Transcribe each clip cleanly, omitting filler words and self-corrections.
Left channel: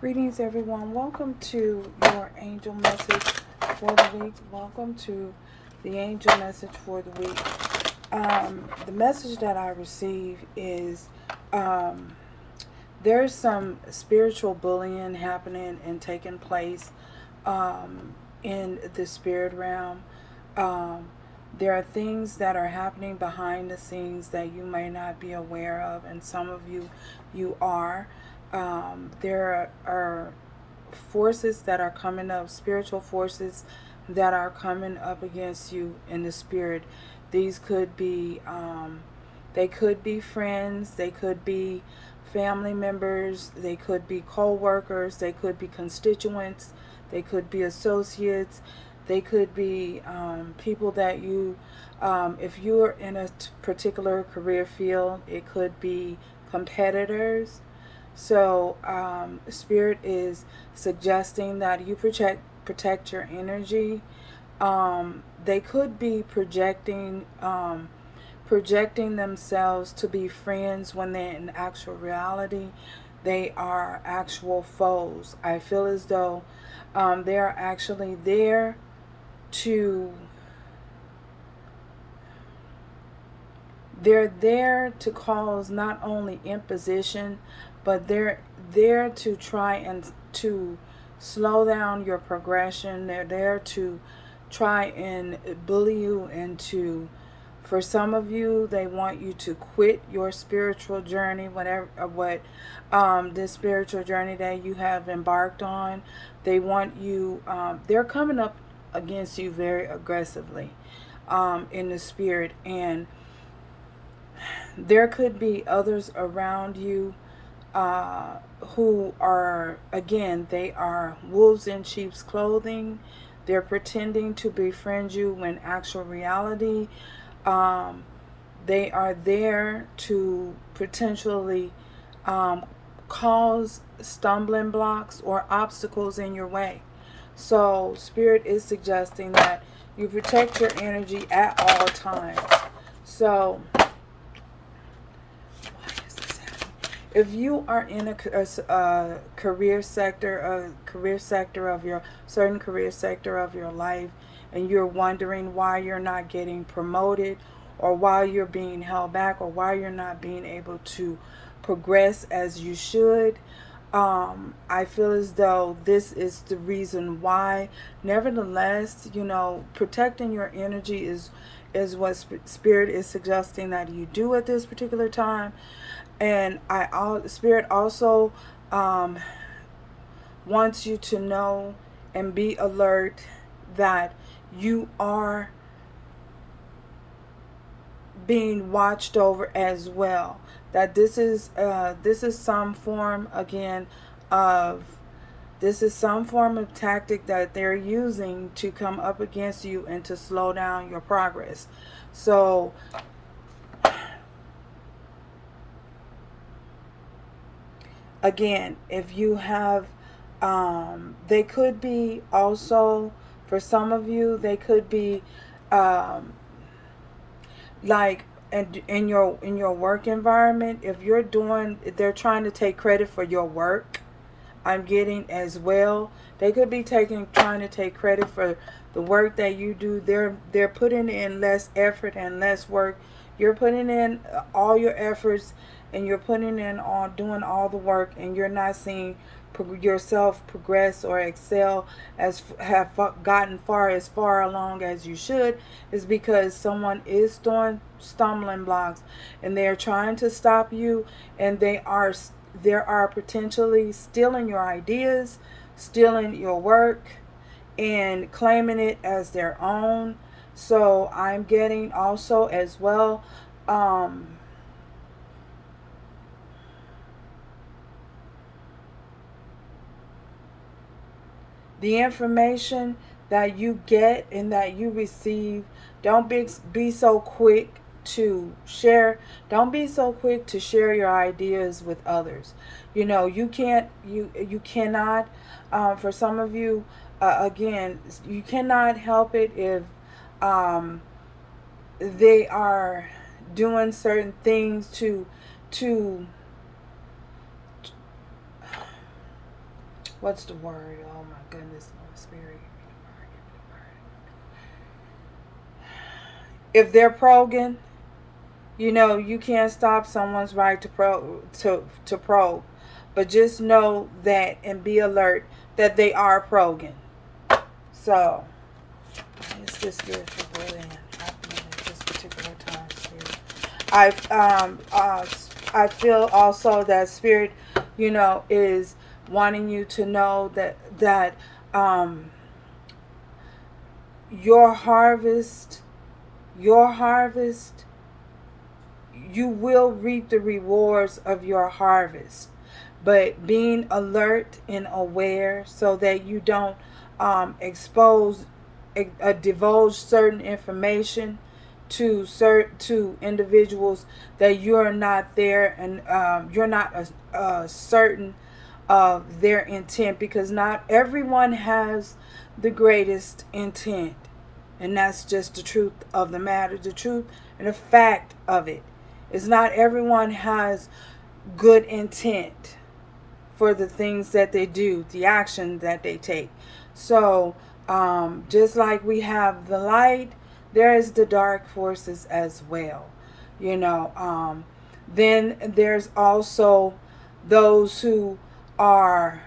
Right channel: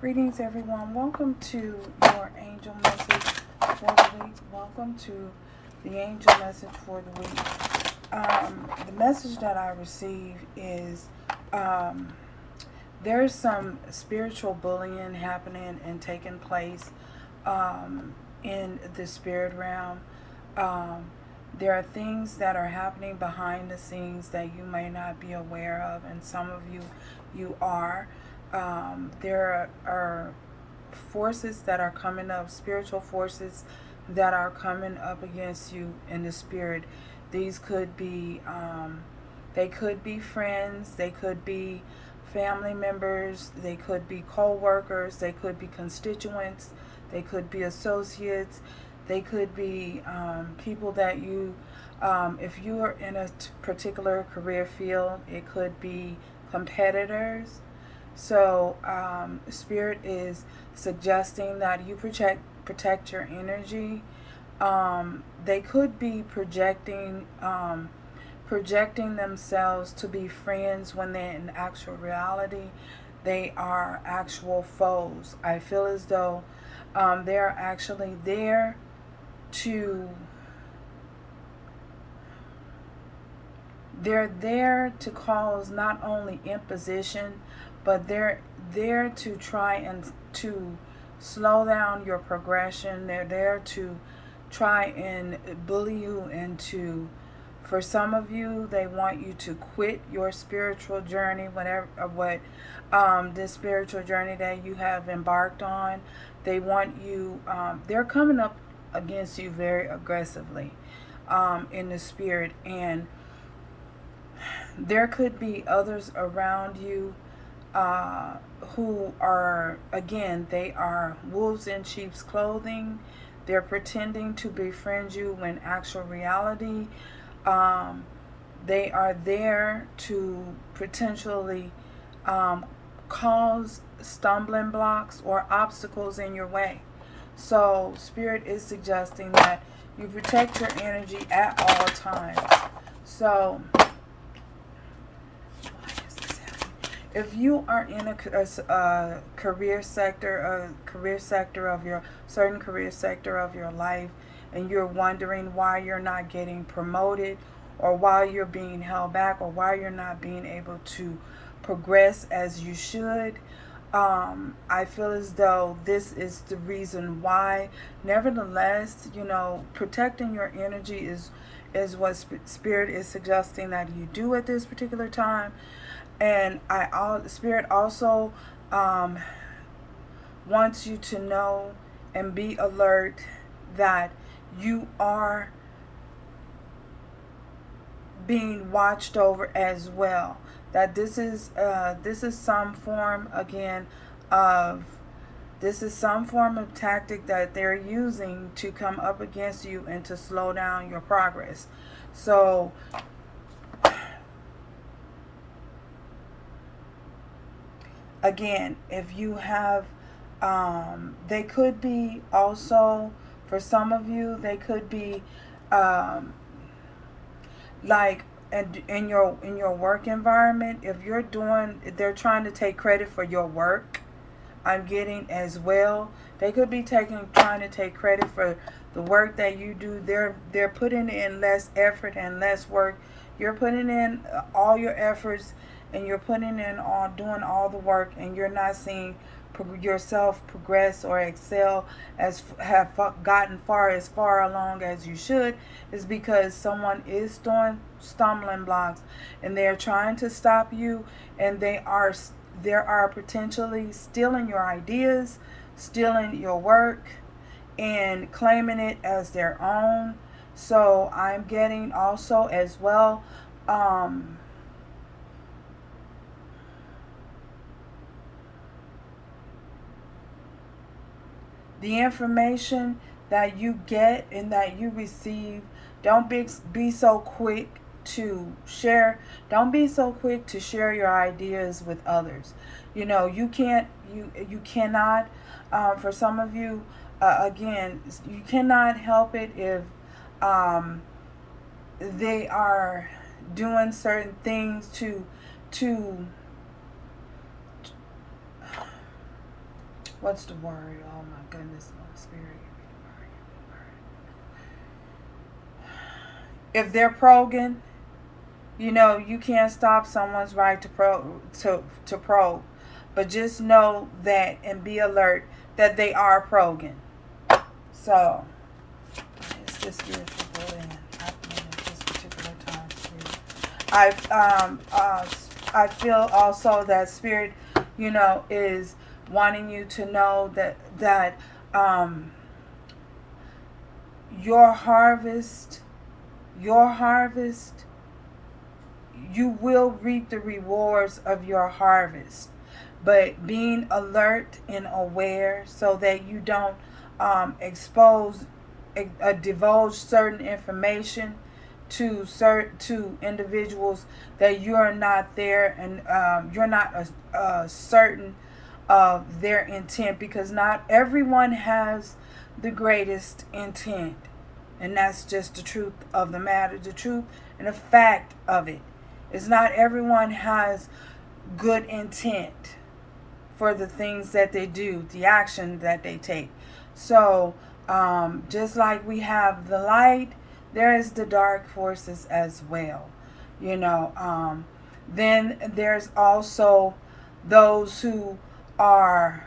Greetings, everyone. Welcome to your angel message for the week. Welcome to the angel message for the week. The message that I received is there's some spiritual bullying happening and taking place in the spirit realm. Um, there are things that are happening behind the scenes that you may not be aware of, and some of you are. There are forces that are coming up, spiritual forces that are coming up against you in the spirit. These could be, they could be friends, they could be family members, they could be co-workers, they could be constituents, they could be associates, they could be people that if you're in a particular career field, it could be competitors. So Spirit is suggesting that you protect your energy. They could be projecting themselves to be friends when they're in actual reality they are actual foes. I feel as though they're actually there to cause not only imposition, but they're there to try and to slow down your progression. They're there to try and bully you into, for some of you, they want you to quit your spiritual journey, whatever what this spiritual journey that you have embarked on. They want you, they're coming up against you very aggressively in the spirit, and there could be others around you who are, again, they are wolves in sheep's clothing. They're pretending to befriend you when actual reality they are there to potentially cause stumbling blocks or obstacles in your way. So Spirit is suggesting that you protect your energy at all times. So if you are in a career sector of your certain career sector of your life, and you're wondering why you're not getting promoted, or why you're being held back, or why you're not being able to progress as you should, I feel as though this is the reason why. Nevertheless, protecting your energy is what Spirit is suggesting that you do at this particular time. And Spirit also wants you to know and be alert that you are being watched over as well. That this is some form, again, of tactic that they're using to come up against you and to slow down your progress. So again, if you have, they could be also, for some of you, they could be like in your work environment. If you're doing, they're trying to take credit for your work. I'm getting as well. They could be trying to take credit for the work that you do. They're putting in less effort and less work. You're putting in all your efforts, and you're putting in on doing all the work, and you're not seeing yourself progress or excel as have gotten as far along as you should. Is because someone is throwing stumbling blocks, and they're trying to stop you, and there are potentially stealing your ideas, stealing your work, and claiming it as their own. So I'm getting also as well, the information that you get and that you receive, don't be so quick to share. Don't be so quick to share your ideas with others. You cannot, for some of you, again, you cannot help it if they are doing certain things to What's the word? Oh my goodness, Holy Spirit, give me the word, give me the word. If they're progging, you know, you can't stop someone's right to probe. But just know that and be alert that they are progging. So, it's this spiritual bullying happening at this particular time, Spirit. I feel also that Spirit, you know, is wanting you to know that your harvest, you will reap the rewards of your harvest. But being alert and aware so that you don't divulge certain information to individuals that you're not there, and you're not certain of their intent, because not everyone has the greatest intent. And that's just the truth of the matter. The truth and the fact of it is not everyone has good intent for the things that they do, the action that they take. So just like we have the light, there is the dark forces as well. You know, then there's also those who are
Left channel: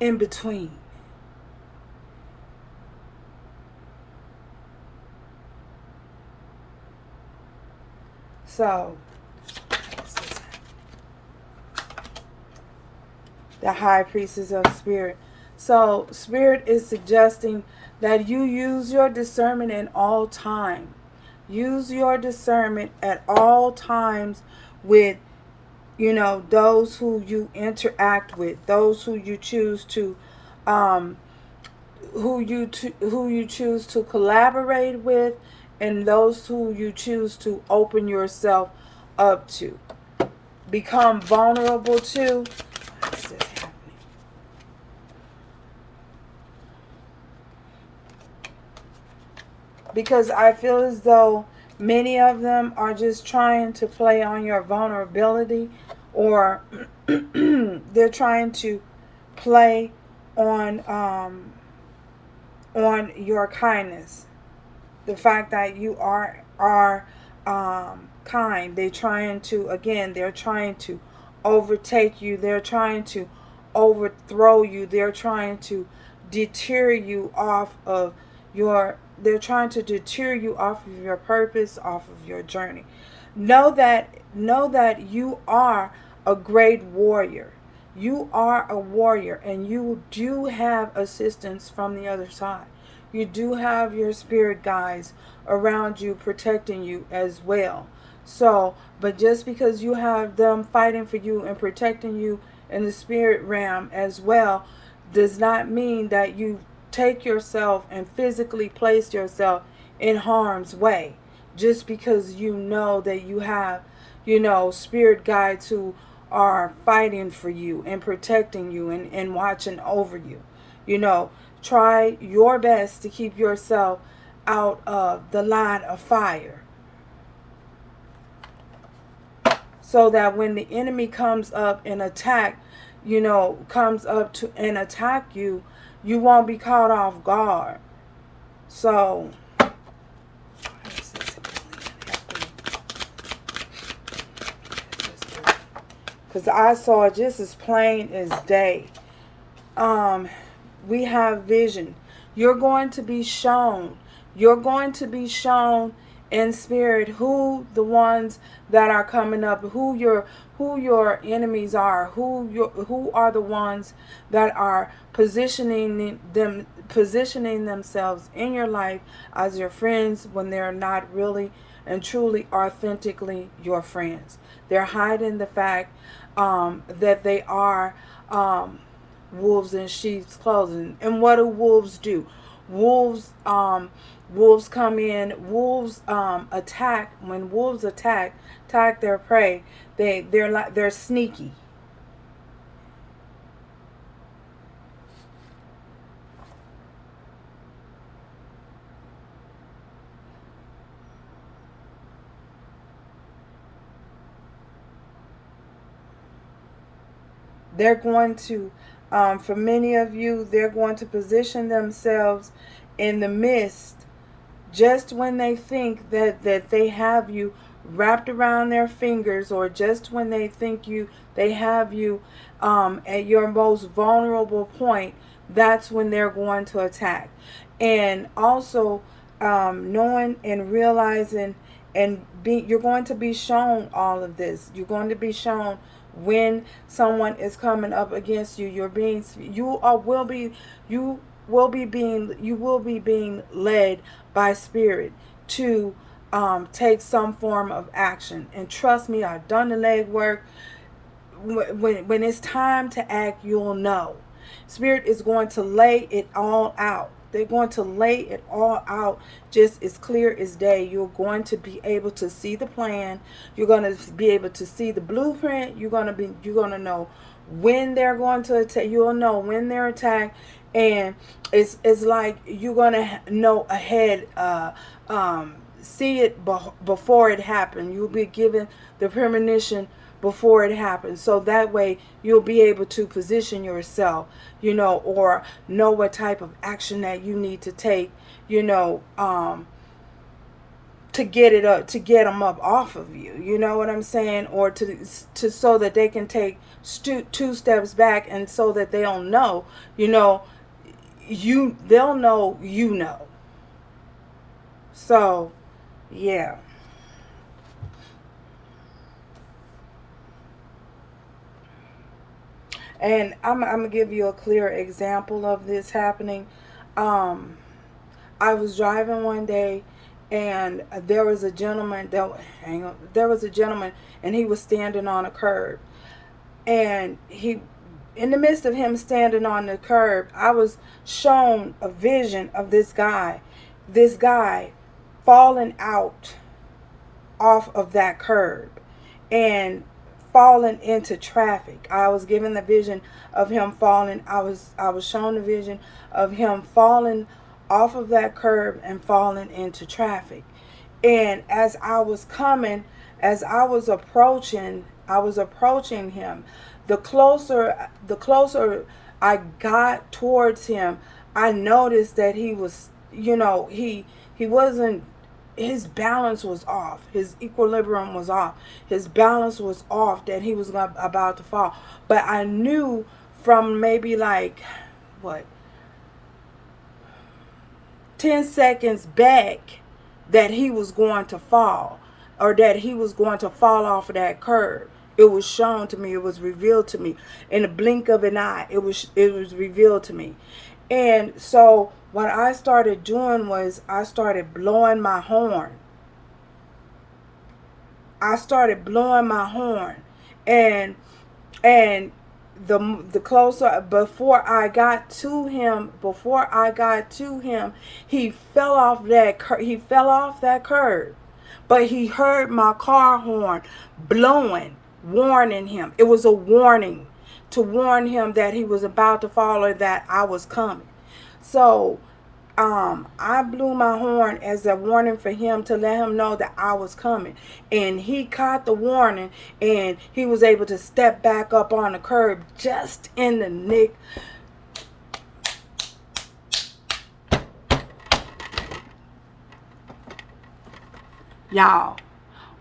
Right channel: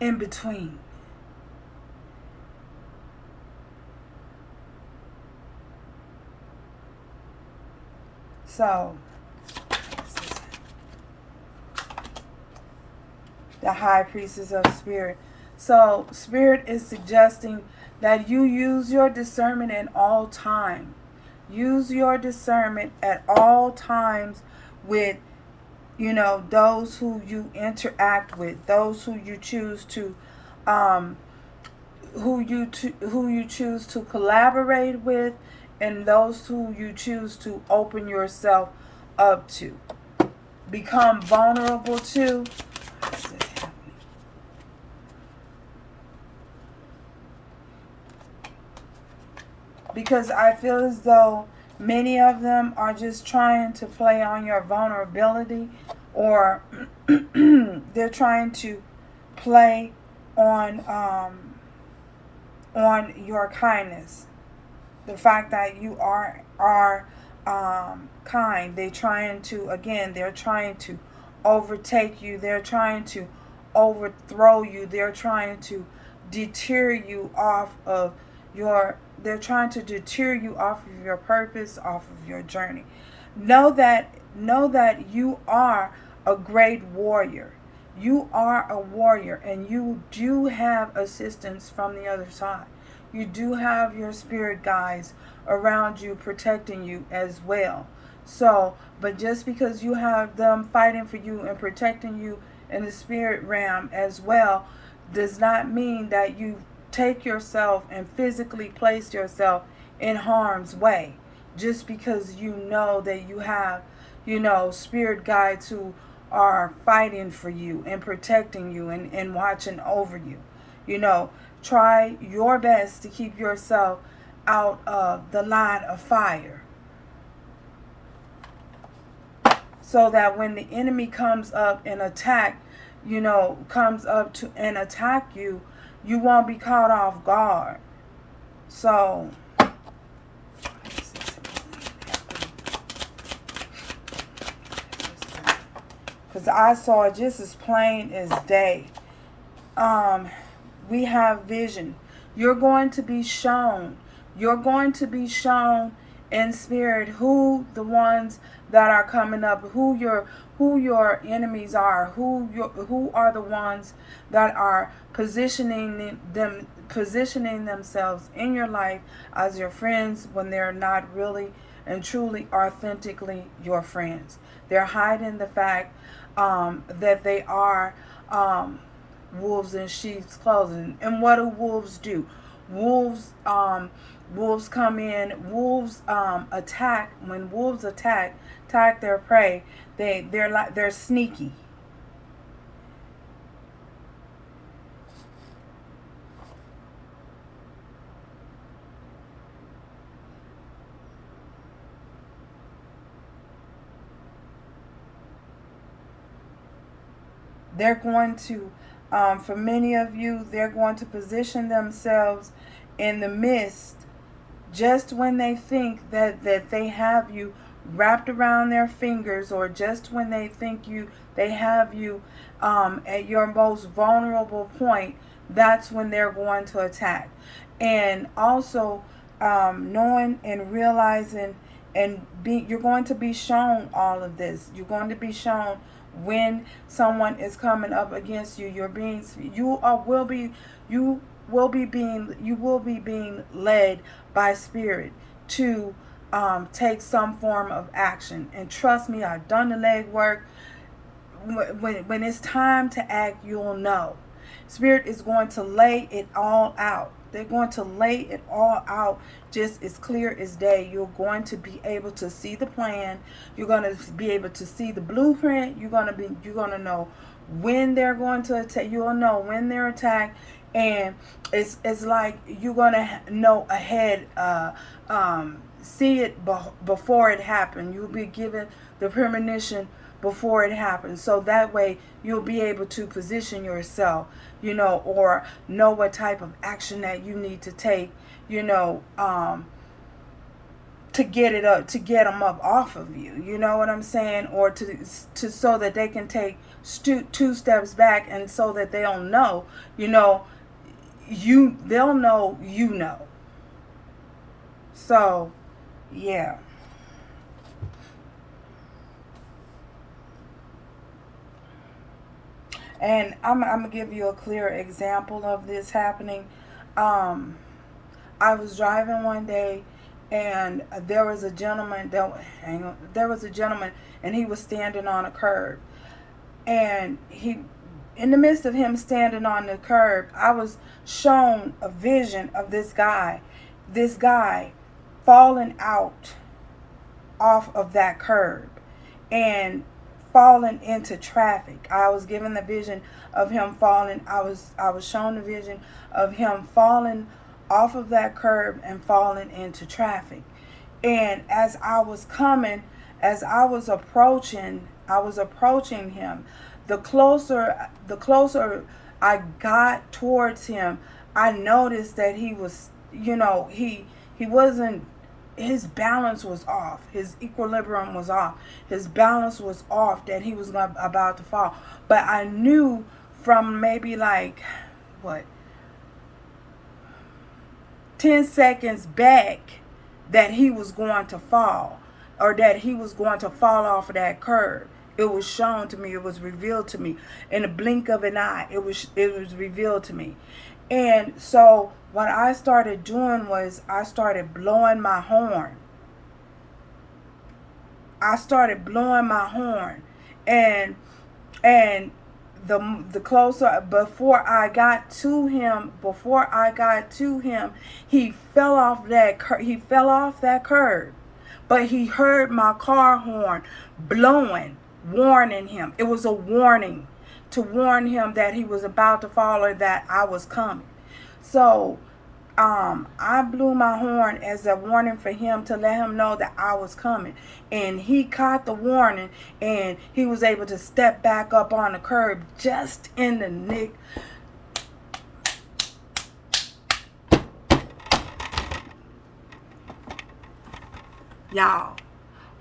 in between. So, the high priestess of spirit. So, Spirit is suggesting that you use your discernment at all times. Use your discernment at all times with, you know, those who you interact with, those who you choose to who you choose to collaborate with, and those who you choose to open yourself up to, become vulnerable to. Because I feel as though many of them are just trying to play on your vulnerability, or they're trying to play on your kindness, the fact that you are kind. They're trying to overtake you. They're trying to overthrow you. They're trying to deter you off of your. They're trying to deter you off of your purpose, off of your journey. Know that you are a great warrior. You are a warrior, and you do have assistance from the other side. You do have your spirit guides around you, protecting you as well. So, but just because you have them fighting for you and protecting you in the spirit realm as well, does not mean that you take yourself and physically place yourself in harm's way, just because you know that you have, you know, spirit guides who are fighting for you and protecting you and watching over you. You know, try your best to keep yourself out of the line of fire, so that when the enemy comes up and comes up to and attack you, you won't be caught off guard. So, because I saw just as plain as day. We have vision. You're going to be shown. You're going to be shown in spirit who the ones that are coming up, who your enemies are, who are the ones that are positioning themselves in your life as your friends when they're not really and truly authentically your friends. They're hiding the fact that they are wolves in sheep's clothing. And what do wolves do? Wolves come in. Wolves attack. When wolves attack their prey, they're sneaky. They're going to, for many of you, they're going to position themselves in the midst just when they think that they have you wrapped around their fingers, or just when they think they have you at your most vulnerable point. That's when they're going to attack. And also, knowing and realizing, and you're going to be shown all of this. You're going to be shown when someone is coming up against you. You will be being led by spirit to take some form of action. And trust me, I've done the legwork. When it's time to act, you'll know. Spirit is going to lay it all out. They're going to lay it all out just as clear as day. You're going to be able to see the plan. You're going to be able to see the blueprint. You're going to know when they're going to attack. You'll know when they're attacked, and it's like you're going to know ahead. See it before it happened. You'll be given the premonition before it happens, so that way you'll be able to position yourself, or know what type of action that you need to take, to get it up, to get them up off of you. You know what I'm saying? Or to so that they can take two steps back, and so that they don't know, they'll know. So, yeah. And I'm going to give you a clear example of this happening. I was driving one day, and there was a gentleman and he was standing on a curb. And in the midst of him standing on the curb, I was shown a vision of this guy falling out off of that curb and falling into traffic. I was given the vision of him falling. I was shown the vision of him falling off of that curb and falling into traffic. And as I was approaching him, the closer I got towards him, I noticed that he was, he wasn't, his balance was off. His equilibrium was off. His balance was off, that he was about to fall. But I knew from maybe 10 seconds back that he was going to fall, or that he was going to fall off of that curb. It was shown to me. It was revealed to me in the blink of an eye. It was revealed to me. And so what I started doing was I started blowing my horn. And the closer, before I got to him, he fell off that curb. But he heard my car horn blowing, warning him. It was a warning to warn him that he was about to fall, or that I was coming. So I blew my horn as a warning for him, to let him know that I was coming. And he caught the warning, and he was able to step back up on the curb just in the nick. Y'all,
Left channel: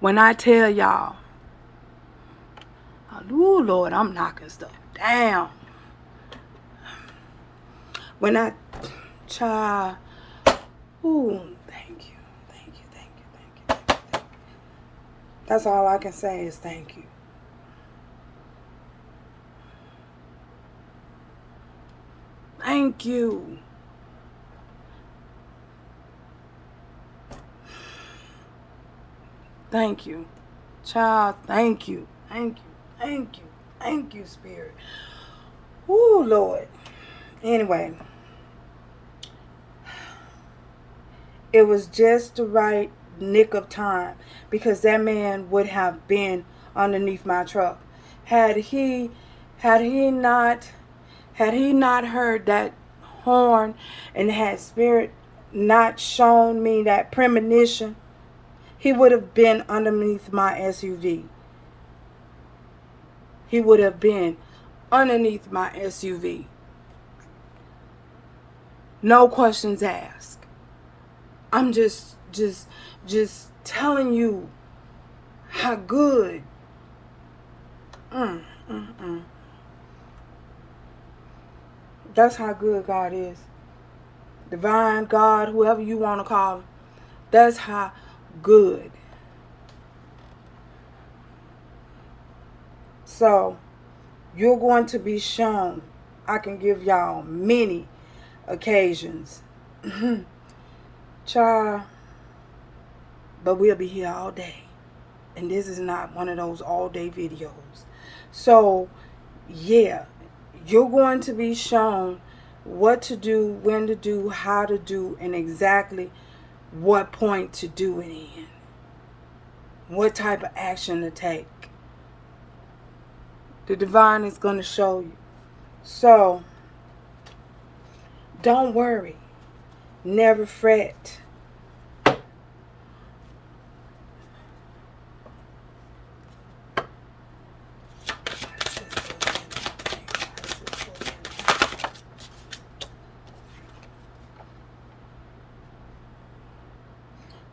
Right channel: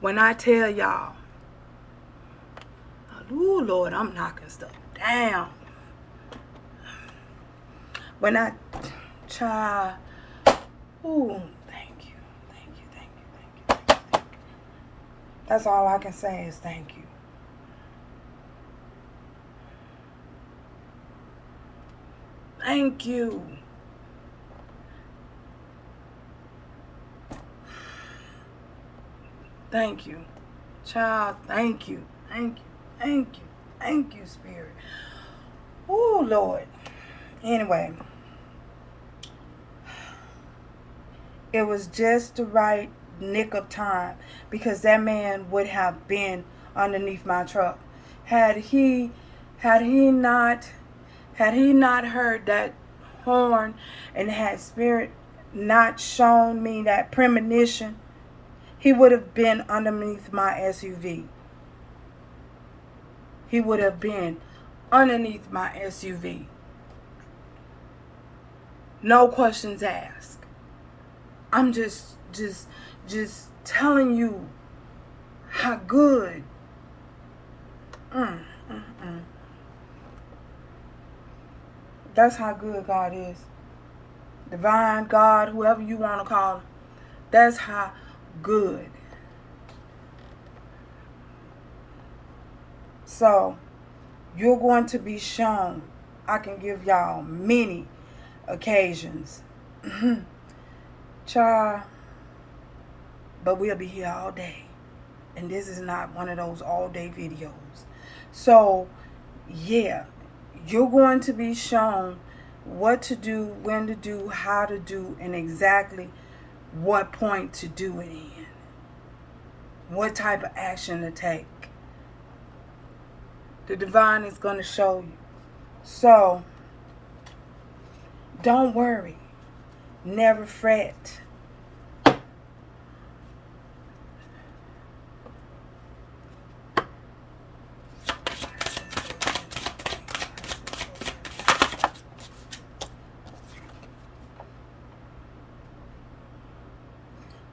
when I tell y'all, oh Lord, I'm knocking stuff down. When I try, thank you. That's all I can say is thank you. Thank you. Thank you. Child, thank you. Thank you, Spirit. Ooh, Lord. Anyway, it was just the right nick of time, because that man would have been underneath my truck. Had he not heard that horn, and had Spirit not shown me that premonition, he would have been underneath my SUV. He would have been underneath my SUV. No questions asked. I'm just telling you how good. That's how good God is. Divine God, whoever you want to call him. That's how good. So, you're going to be shown. I can give y'all many occasions. Child, but we'll be here all day. And this is not one of those all day videos. So, yeah, you're going to be shown what to do, when to do, how to do, and exactly what point to do it in. What type of action to take. The divine is going to show you. So, don't worry. Never fret.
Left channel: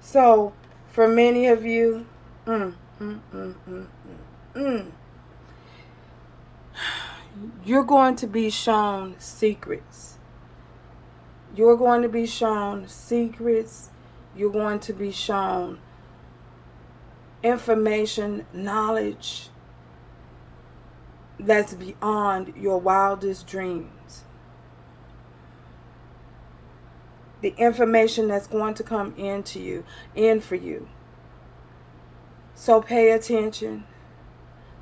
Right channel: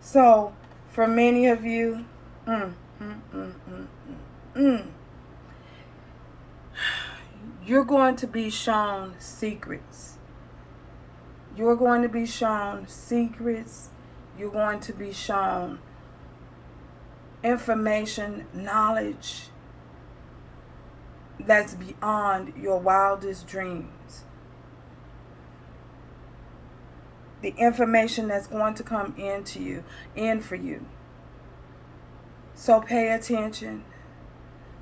So, for many of you, you're going to be shown secrets. You're going to be shown secrets. You're going to be shown information, knowledge that's beyond your wildest dreams. The information that's going to come in for you. So pay attention.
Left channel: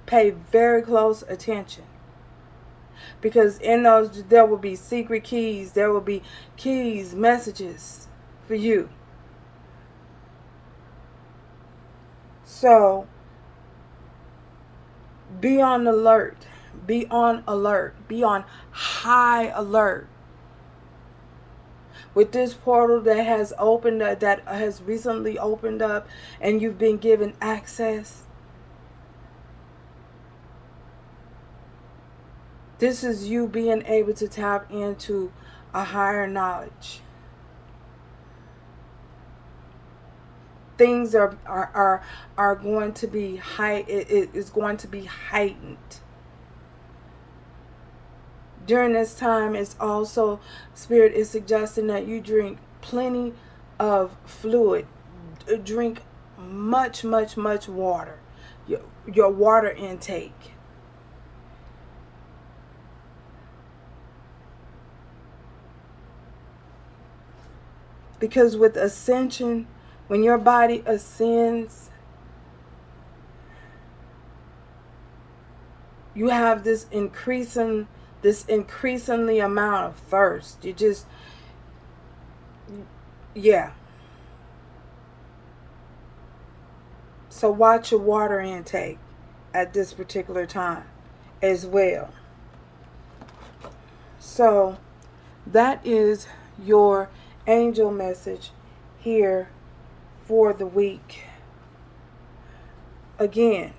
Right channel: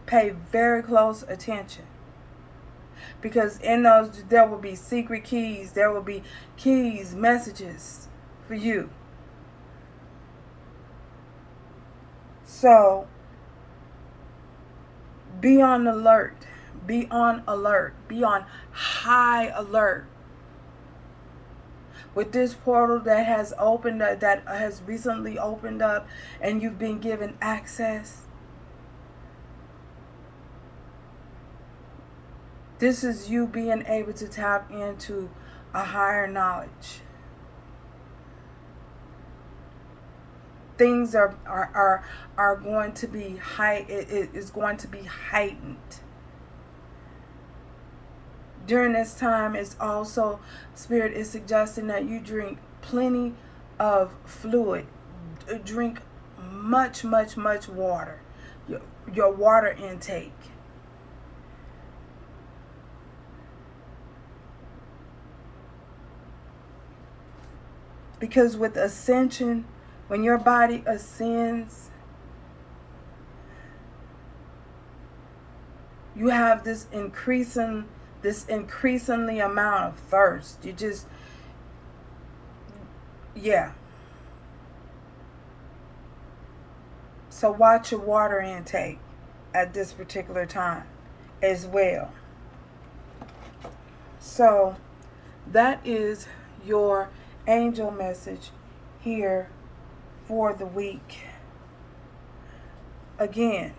Pay very close attention. Because in those, there will be secret keys. There will be keys, messages for you. So, be on alert. Be on alert. Be on high alert. With this portal that has opened, that has recently opened up, and you've been given access, this is you being able to tap into a higher knowledge. Things are going to be it is going to be heightened. During this time, it's also, Spirit is suggesting that you drink plenty of fluid. Drink much water. Your water intake. Because with ascension, when your body ascends, you have this increasingly amount of thirst. You just, yeah. So watch your water intake at this particular time as well. So that is your angel message here for the week. Again,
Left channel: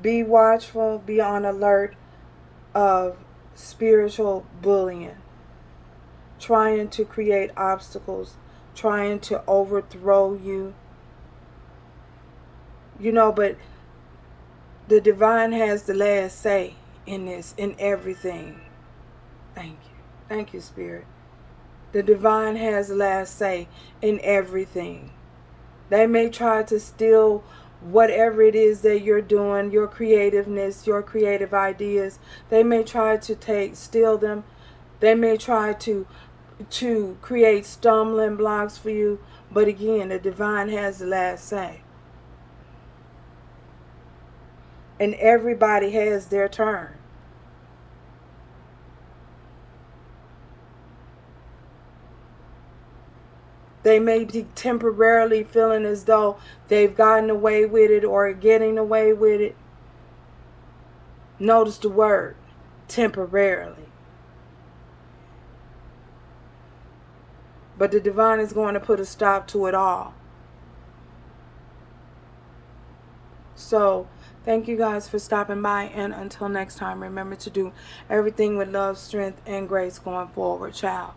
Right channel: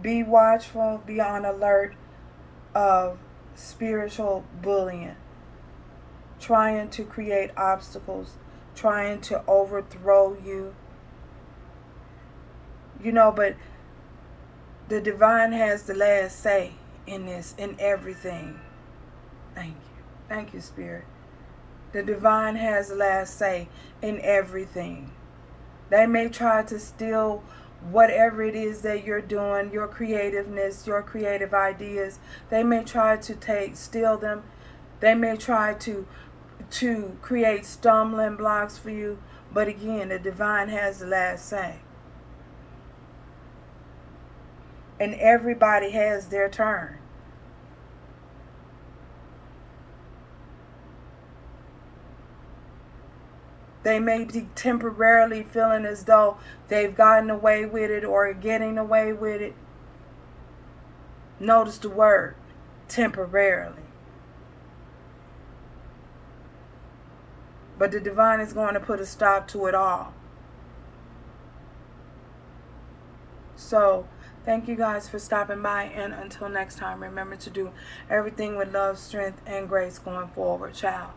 be watchful, be on alert of spiritual bullying, trying to create obstacles, trying to overthrow you. You know, but the divine has the last say in this, in everything. Thank you. Thank you, Spirit. The divine has the last say in everything. They may try to steal whatever it is that you're doing, your creativeness, your creative ideas. They may try to steal them. They may try to create stumbling blocks for you. But again, the divine has the last say. And everybody has their turn. They may be temporarily feeling as though they've gotten away with it or getting away with it. Notice the word, temporarily. But the divine is going to put a stop to it all. So Thank you guys for stopping by, and until next time, remember to do everything with love, strength, and grace going forward. Ciao.